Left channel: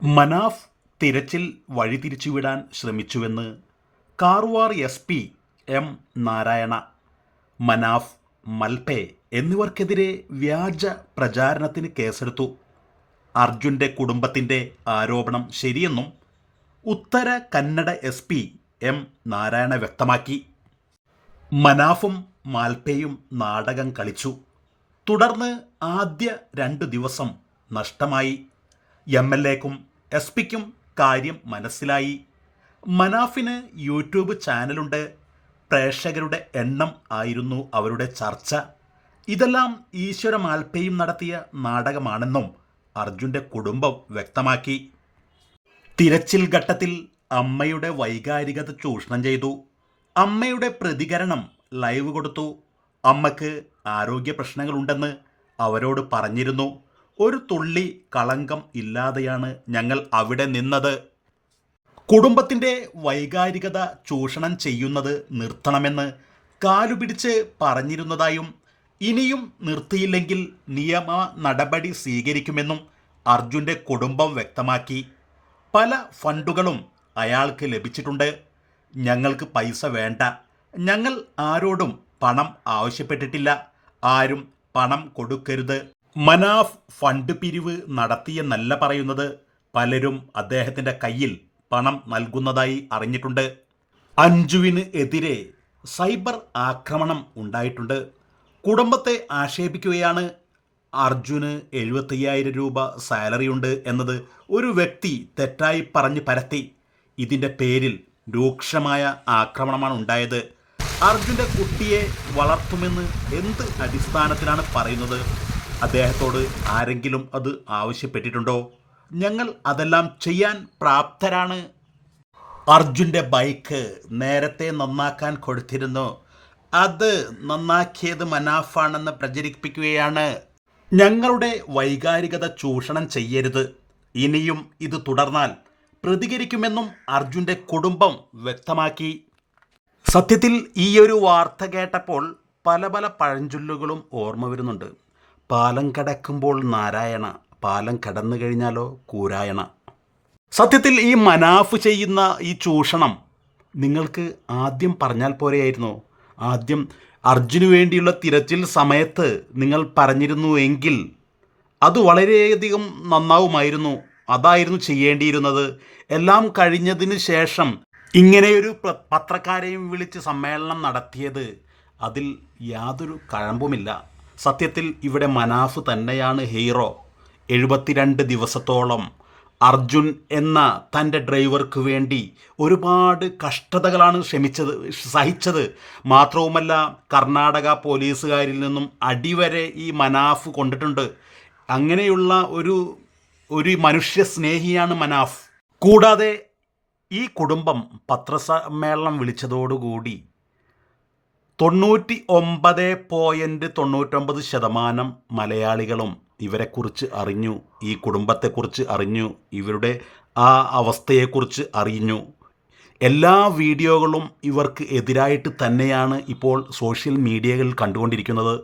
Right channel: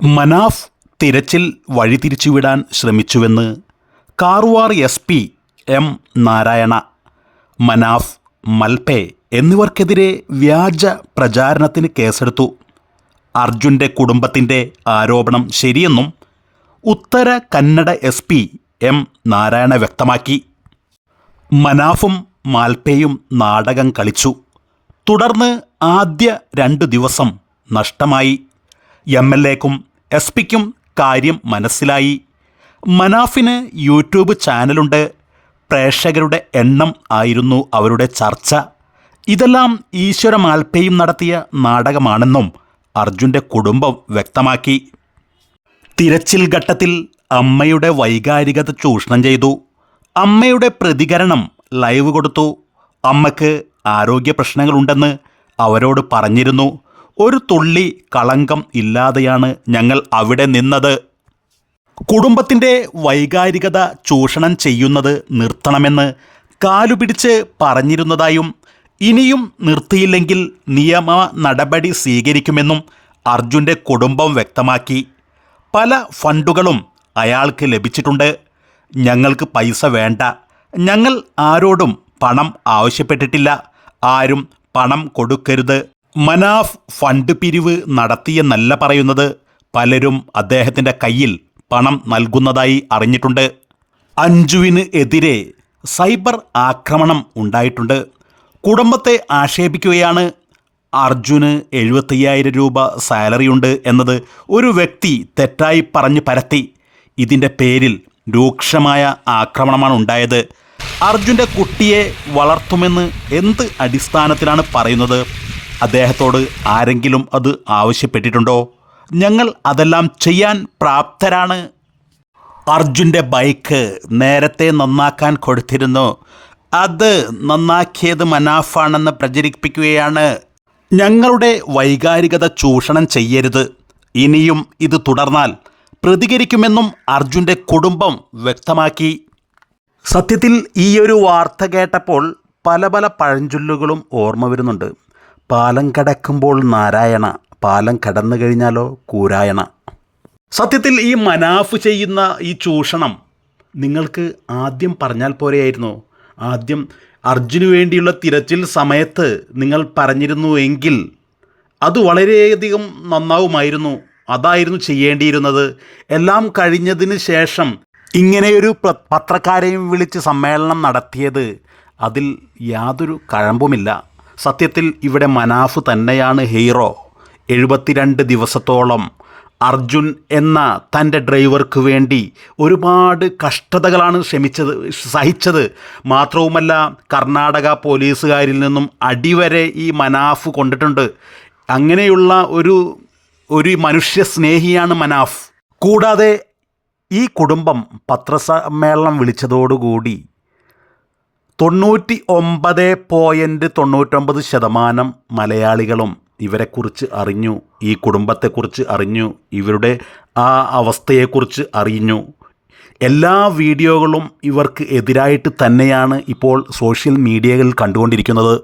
മനാഫ് തിരച്ചിൽ വഴിതിരിച്ചുവിടാൻ ശ്രമിച്ചുവെന്ന് Karwar SP M Narayana. Manaf, Malpe എന്നിവർക്കെതിരെ വ്യാജ പ്രചാരണത്തിന് കേസെടുത്തു. അർജുൻ്റെ കുടുംബത്തിൻ്റെ ആരോപണം ശരിയെന്നും ഉത്തര കന്നഡ SP M നാരായണ വ്യക്തമാക്കി. മനാഫും മാൽപെയും നാടകം കളിച്ചു. തുടർന്ന് ആദ്യ 2 ദിവസം നഷ്ടമായി. MLAക്കും SP-ക്കും കാര്യം മനസ്സിലായി. മനാഫിന് യൂട്യൂബ് ചാനലുണ്ട്. പ്രേക്ഷകരുടെ എണ്ണം ആയിരുന്നു അവരുടെ ചർച്ച. ഇതെല്ലാം ഈശ്വര മാൽപെയും നടത്തിയ നാടകമാണെന്നും അർജുൻ്റെ കുടുംബം വ്യക്തമാക്കി. തിരച്ചിൽ ഘട്ടത്തിൽ അമ്മയുടെ വൈകാരികത ചൂഷണം ചെയ്തു. അമ്മയുടെ പ്രതികരണം ലൈവ് കൊടുത്തു. അമ്മയ്ക്ക് ആരോഗ്യ പ്രശ്നങ്ങളുണ്ടെന്ന് അവരോട് പറഞ്ഞിരുന്നു. ഒരു തുള്ളി കളങ്കം ഇല്ലാതെയാണ് ഞങ്ങൾ അവിടെ നിന്നത്. കുടുംബത്തിൻ്റെ വൈകാരികത ചൂഷണം ചെയ്യുന്നത് നിർത്തണമെന്ന് കാലുപിടിച്ച് പറഞ്ഞിരുന്നതായും ഇനിയും നിർത്തിയില്ലെങ്കിൽ നിയമ നടപടി സ്വീകരിക്കുമെന്നും അർജുൻ്റെ കുടുംബം വ്യക്തമാക്കി. പല ഫണ്ടുകളും അയാൾക്ക് ലഭിച്ചിട്ടുണ്ട്. ഞങ്ങൾക്ക് പൈസ വേണ്ട. ഞങ്ങൾ ആരോടും പണം ആവശ്യപ്പെട്ടിട്ടില്ല. ആരും പണം കൊടുക്കരുത്. മനാഫ് ഫണ്ട് പിരിവ് നടത്തിയെന്നല്ല പറയുന്നത്. പലരും അദ്ദേഹത്തിൻ്റെ കയ്യിൽ പണം നൽകുന്നതായി അറിഞ്ഞിട്ടുണ്ട്. അഞ്ജുവിന് എതിരെ സൈബർ ആക്രമണം ഉണ്ടായിട്ടുണ്ട്. കുടുംബത്തെ ആക്ഷേപിക്കുകയാണ്. അർജുന് 75,000 രൂപ സാലറിയുണ്ട് എന്നത് ഒരു വ്യക്തി തെറ്റായി പറഞ്ഞ് പരത്തി. ഇതിൻ്റെ പേരിൽ രൂക്ഷമായ ആക്രമണമാണ് ഉണ്ടായത്. അർജുൻ്റെ കുട്ടിയെ വളർത്തുമെന്ന് എന്ത് അടിസ്ഥാനത്തിലാണ് പറയുന്നത്? അദ്ദേഹത്തോട് ആരെങ്കിലും അത് ആവശ്യപ്പെട്ടിട്ടുണ്ടോ? ഞങ്ങൾ അതെല്ലാം ചെയ്യാൻ പ്രാപ്തരാണ്. അർജുൻ്റെ ബൈക്ക് നേരത്തെ നന്നാക്കാൻ കൊടുത്തിരുന്നു. അത് നന്നാക്കിയത് മനാഫാണെന്ന് പ്രചരിപ്പിക്കുകയാണ്. ഞങ്ങളുടെ വൈകാരികത ചൂഷണം ചെയ്യരുത്. ഇനിയും ഇത് തുടർന്നാൽ പ്രതികരിക്കുമെന്നും അർജുൻ്റെ കുടുംബം വ്യക്തമാക്കി. സത്യത്തിൽ ഈയൊരു വാർത്ത കേട്ടപ്പോൾ പല പഴഞ്ചൊല്ലുകളും ഓർമ്മ വരുന്നുണ്ട്. പാലം കടക്കുമ്പോൾ നാരായണ, പാലം കടന്നു കഴിഞ്ഞാലോ കൂരായണ. സത്യത്തിൽ ഈ മനാഫ് ചെയ്യുന്ന ഈ ചൂഷണം നിങ്ങൾക്ക് ആദ്യം പറഞ്ഞാൽ പോരെയായിരുന്നു? ആദ്യം അർജുന് വേണ്ടിയുള്ള തിരച്ചിൽ സമയത്ത് നിങ്ങൾ പറഞ്ഞിരുന്നു എങ്കിൽ അത് വളരെയധികം നന്നാവുമായിരുന്നു. അതായിരുന്നു ചെയ്യേണ്ടിയിരുന്നത്. എല്ലാം കഴിഞ്ഞതിന് ശേഷം ഇങ്ങനെയൊരു പത്രക്കാരെയും വിളിച്ച് സമ്മേളനം നടത്തിയത് അതിൽ യാതൊരു കഴമ്പുമില്ല. സത്യത്തിൽ ഇവിടെ മനാഫ് തന്നെയാണ് ഹീറോ. 72 ദിവസത്തോളം അർജുൻ എന്ന തൻ്റെ ഡ്രൈവർക്ക് വേണ്ടി ഒരുപാട് കഷ്ടതകളാണ് സഹിച്ചത്. മാത്രവുമല്ല, കർണാടക പോലീസുകാരിൽ നിന്നും അടിവരെ ഈ മനാഫ് കൊണ്ടിട്ടുണ്ട്. അങ്ങനെയുള്ള ഒരു മനുഷ്യ സ്നേഹിയാണ് മനാഫ്. കൂടാതെ ഈ കുടുംബം പത്രസമ്മേളനം വിളിച്ചതോടുകൂടി 99.99% മലയാളികളും ഇവരെക്കുറിച്ച് അറിഞ്ഞു. ഈ കുടുംബത്തെക്കുറിച്ച് അറിഞ്ഞു. ഇവരുടെ ആ അവസ്ഥയെക്കുറിച്ച് അറിഞ്ഞു. എല്ലാ വീഡിയോകളും ഇവർക്ക് എതിരായിട്ട് തന്നെയാണ് ഇപ്പോൾ സോഷ്യൽ മീഡിയകളിൽ കണ്ടുകൊണ്ടിരിക്കുന്നത്.